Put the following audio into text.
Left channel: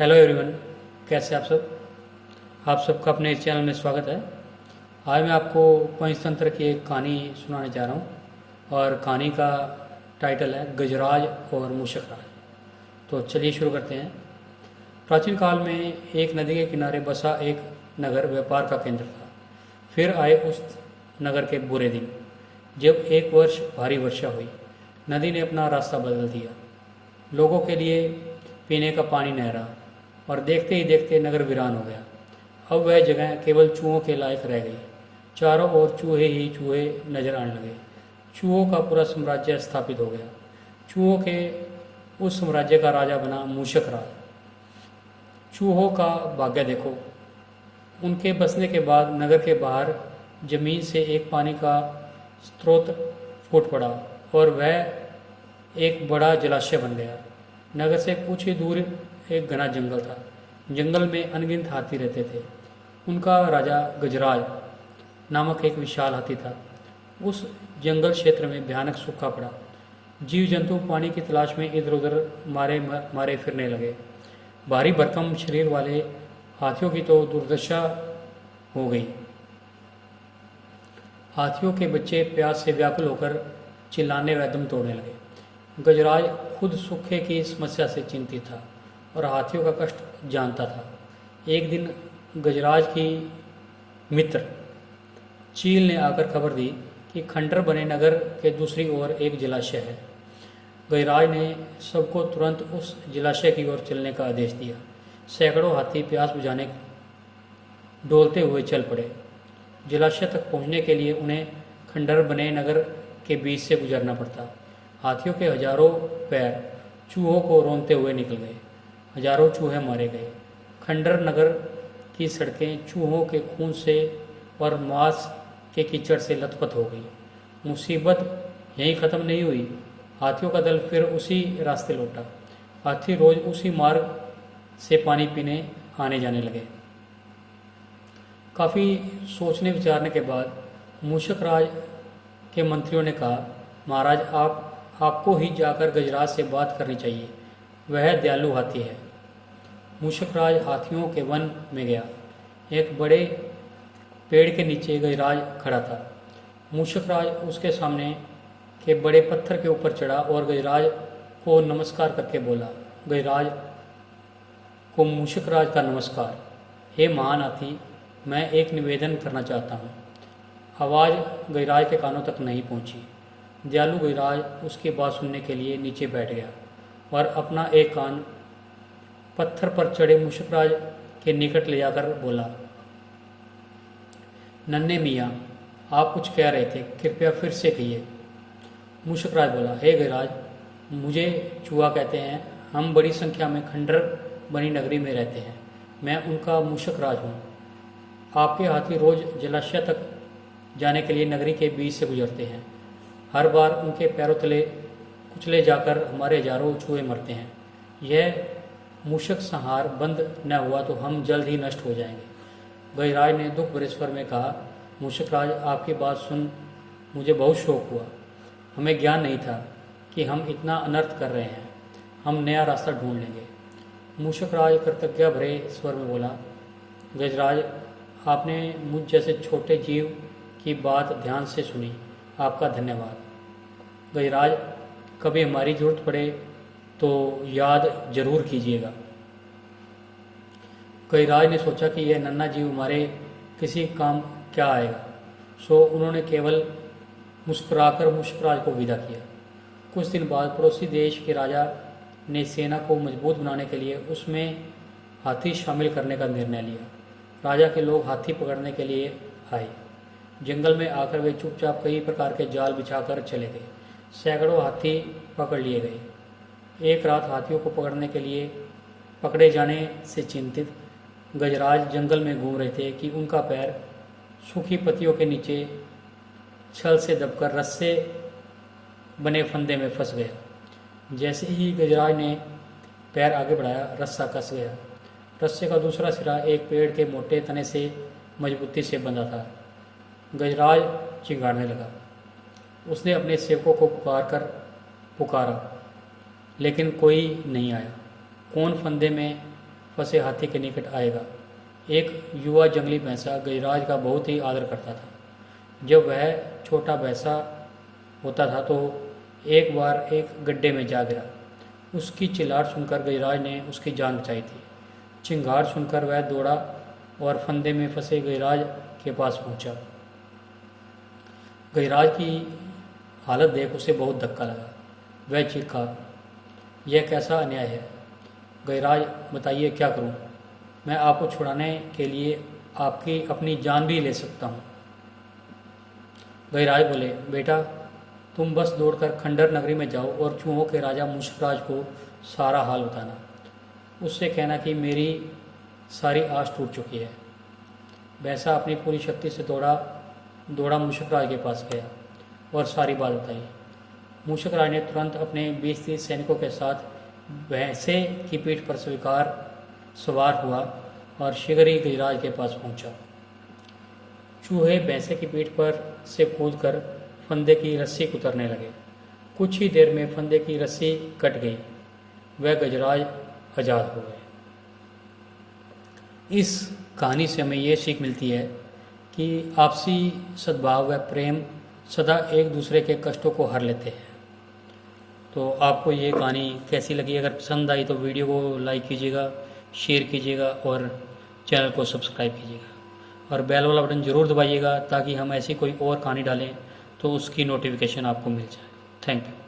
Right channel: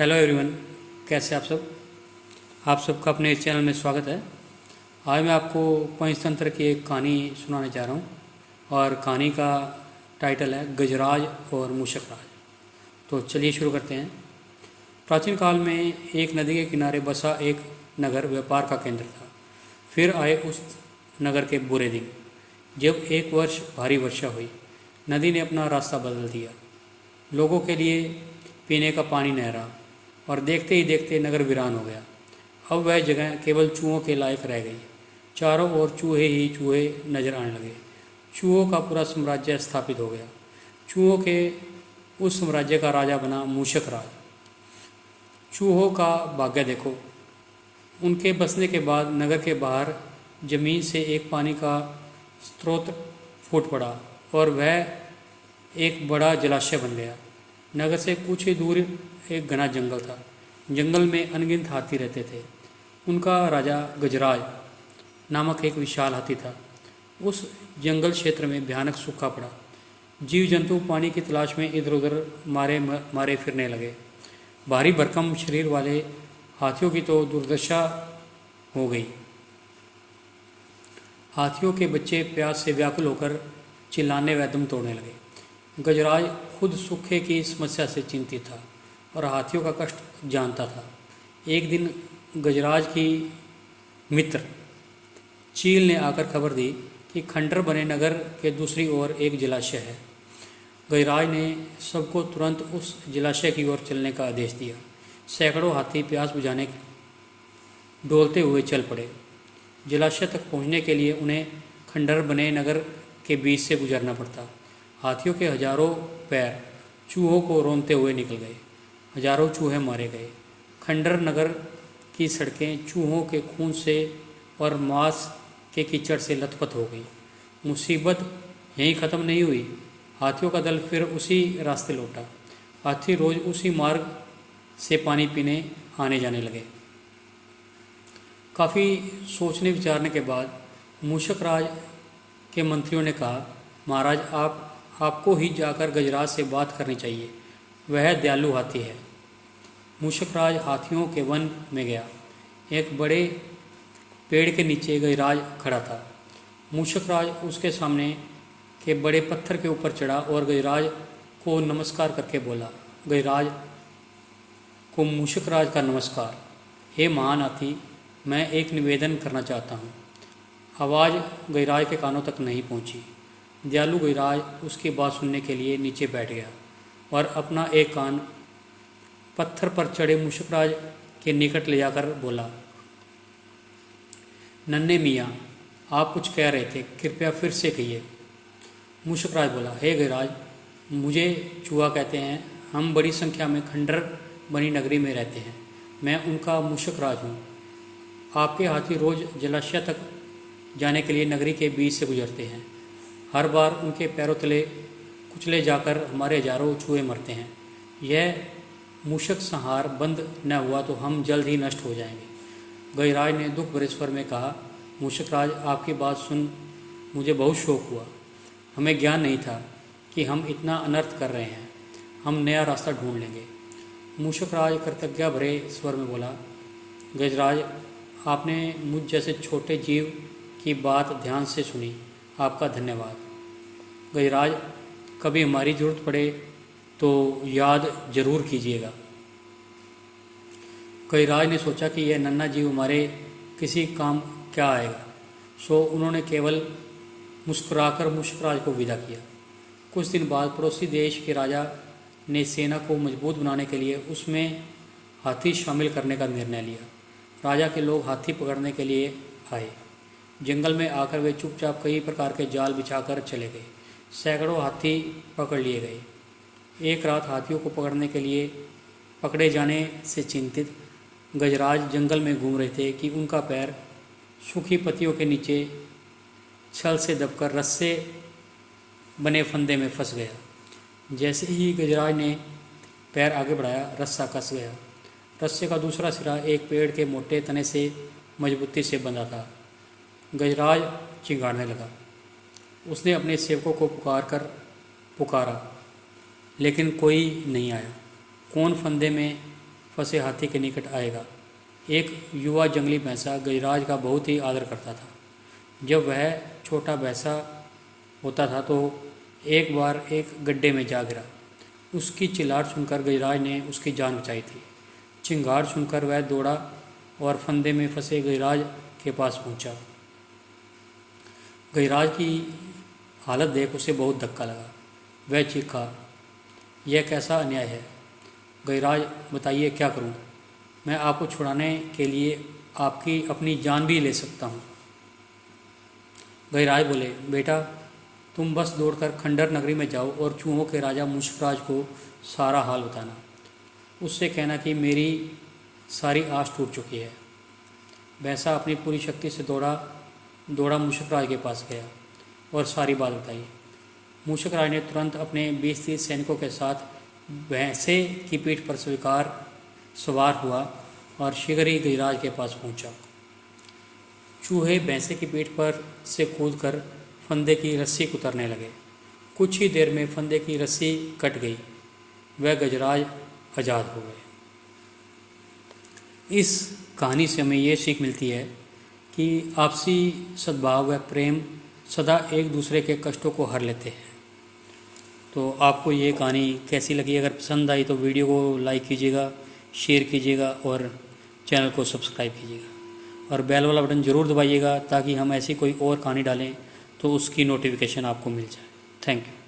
Hello everyone, कैसे आप सबका अपने इस चैनल में स्वागत है। आज मैं आपको पंचतंत्र की एक कहानी सुनाने जा रहा हूँ और कहानी का टाइटल है गजराज और मूषक राज। तो चलिए शुरू करते हैं। प्राचीन काल में एक नदी के किनारे बसा एक नगर व्यापार का केंद्र था। फिर आए उस नगर के बुरे दिन, जब एक वर्ष भारी वर्षा हुई। नदी ने अपना रास्ता बदल दिया, लोगों के लिए पीने का पानी नहीं रहा और देखते ही देखते नगर वीरान हो गया। अब वह जगह केवल चूहों के लायक रह गई। चारों ओर चूहे ही चूहे नजर आने लगे। चूहों का पूरा साम्राज्य स्थापित हो गया। चूहों के उस साम्राज्य का राजा बना मूषक राज। चूहों का भाग्य देखो, उनके बसने के बाद नगर के बाहर जमीन से एक पानी का स्रोत फूट पड़ा और वह एक बड़ा जलाशय बन गया। नगर से कुछ ही दूर एक घना जंगल था। जंगल में अनगिनत हाथी रहते थे। उनका राजा गजराज नामक एक विशाल हाथी था। उस जंगल क्षेत्र में भयानक सूखा पड़ा। जीव जंतु पानी की तलाश में इधर उधर मारे मारे फिरने लगे। भारी भरकम शरीर वाले हाथियों की तो दुर्दशा हो गई। हाथियों के बच्चे प्यास से व्याकुल होकर चिल्लाने व दम तोड़ने लगे। गजराज खुद सूखे की समस्या से चिंतित था और हाथियों का कष्ट जानता था। एक दिन गजराज की मित्र चील ने आकर खबर दी कि खंडर बने नगर के दूसरी ओर एक जलाशय है। गजराज ने सबको तुरंत उस जलाशय की ओर चलने का आदेश दिया। सैकड़ों हाथी प्यास बुझाने डोलते हुए चल पड़े। जलाशय तक पहुंचने के लिए उन्हें खंडर बने नगर के बीच से गुजरना पड़ता। हाथियों के हजारों पैर चूहों को रौंदते हुए निकल गए। हजारों चूहे मारे गए। खंडर नगर की सड़कें चूहों के खून से और मांस के कीचड़ से लथपथ हो गई। मुसीबत यहीं ख़त्म नहीं हुई। हाथियों का दल फिर उसी रास्ते लौटा। हाथी रोज उसी मार्ग से पानी पीने आने जाने लगे। काफ़ी सोचने विचारने के बाद मूषक राज के मंत्रियों ने कहा, महाराज, आपको ही जाकर गजराज से बात करनी चाहिए। वह दयालु हाथी है। मूषक राज हाथियों के वन में गया। एक बड़े पेड़ के नीचे गजराज खड़ा था। मूषक राज उसके सामने के बड़े पत्थर के ऊपर चढ़ा और गजराज को नमस्कार करके बोला। गजराज को मूषक राज का नमस्कार। हे महान हाथी, मैं एक निवेदन करना चाहता हूँ। आवाज़ गजराज के कानों तक नहीं पहुँची। दयालु गजराज उसकी बात सुनने के लिए नीचे बैठ गया और अपना एक कान पत्थर पर चढ़े मूषक राज के निकट ले जाकर बोला, नन्हे मियाँ, आप कुछ कह रहे थे, कृपया फिर से कहिए। मूषक राज बोला, हे गजराज, मुझे चूहा कहते हैं। हम बड़ी संख्या में खंडर बनी नगरी में रहते हैं। मैं उनका मूषक राज हूँ। आपके हाथी रोज जलाशय तक जाने के लिए नगरी के बीच से गुजरते हैं। हर बार उनके पैरों तले कुचले जाकर हमारे हजारों चूहे मरते हैं। यह मूषक संहार बंद न हुआ तो हम जल्द ही नष्ट हो जाएंगे। गजराज ने दुख भरे स्वर में कहा, मूषक राज, आपकी बात सुन मुझे बहुत शौक हुआ। हमें ज्ञान नहीं था कि हम इतना अनर्थ कर रहे हैं। हम नया रास्ता ढूंढ लेंगे। मूषक राज कृतज्ञता भरे स्वर में बोला, गजराज, आपने मुझ जैसे छोटे जीव की बात ध्यान से सुनी। आपका धन्यवाद। गजराज, कभी हमारी ज़रूरत पड़े तो याद जरूर कीजिएगा। गजराज ने सोचा कि यह नन्हा जीव हमारे किसी काम क्या आएगा, सो उन्होंने केवल मुस्कुराकर मूषकराज को विदा किया। कुछ दिन बाद पड़ोसी देश के राजा ने सेना को मजबूत बनाने के लिए उसमें हाथी शामिल करने का निर्णय लिया। राजा के लोग हाथी पकड़ने के लिए आए। जंगल में आकर वे चुपचाप कई प्रकार के जाल बिछाकर चले गए। सैकड़ों हाथी पकड़ लिए गए। एक रात हाथियों को पकड़ने के लिए पकड़े जाने से चिंतित गजराज जंगल में घूम रहे थे कि उनका पैर सूखी पत्तियों के नीचे छल से दबकर रस्से बने फंदे में फंस गया। जैसे ही गजराज ने पैर आगे बढ़ाया, रस्सा कस गया। रस्से का दूसरा सिरा एक पेड़ के मोटे तने से मजबूती से बंधा था। गजराज चिंगाड़ने लगा। उसने अपने सेवकों को पुकारा, लेकिन कोई नहीं आया। कौन फंदे में फंसे हाथी के निकट आएगा। एक युवा जंगली भैंसा गजराज का बहुत ही आदर करता था। जब वह छोटा भैंसा होता था तो एक बार एक गड्ढे में जा गिरा। उसकी चिल्लाहट सुनकर गजराज ने उसकी जान बचाई थी। चिंगार सुनकर वह दौड़ा और फंदे में फंसे गजराज के पास पहुंचा। गजराज की हालत देख उसे बहुत धक्का लगा। वह चीखा, यह कैसा अन्याय है? गजराज, बताइए क्या करूं? मैं आपको छुड़ाने के लिए आपकी अपनी जान भी ले सकता हूं। गजराज बोले, बेटा तुम बस दौड़कर खंडर नगरी में जाओ और चूहों के राजा मुश्कराज को सारा हाल बताना। उससे कहना कि मेरी सारी आस टूट चुकी है। भैंसा अपनी पूरी शक्ति से दौड़ा मुश्कराज के पास गया और सारी बात बताई। मुश्कराज ने तुरंत अपने 20-30 सैनिकों के साथ भैंसे की पीठ पर सवार हुआ और शीघ्र ही गजराज के पास पहुंचा। चूहे भैंसे की पीठ पर से कूदकर फंदे की रस्सी उतरने लगे। कुछ ही देर में फंदे की रस्सी कट गई। वह गजराज आज़ाद हो गए। इस कहानी से हमें ये सीख मिलती है कि आपसी सद्भाव व प्रेम सदा एक दूसरे के कष्टों को हर लेते हैं। तो आपको ये कहानी कैसी लगी? अगर पसंद आई तो वीडियो को लाइक कीजिएगा, शेयर कीजिएगा और चैनल को सब्सक्राइब कीजिएगा और बेल वाला बटन ज़रूर दबाइएगा ताकि हम ऐसी कोई और कहानी डालें तो उसकी नोटिफिकेशन आपको मिल जाए। Thank you.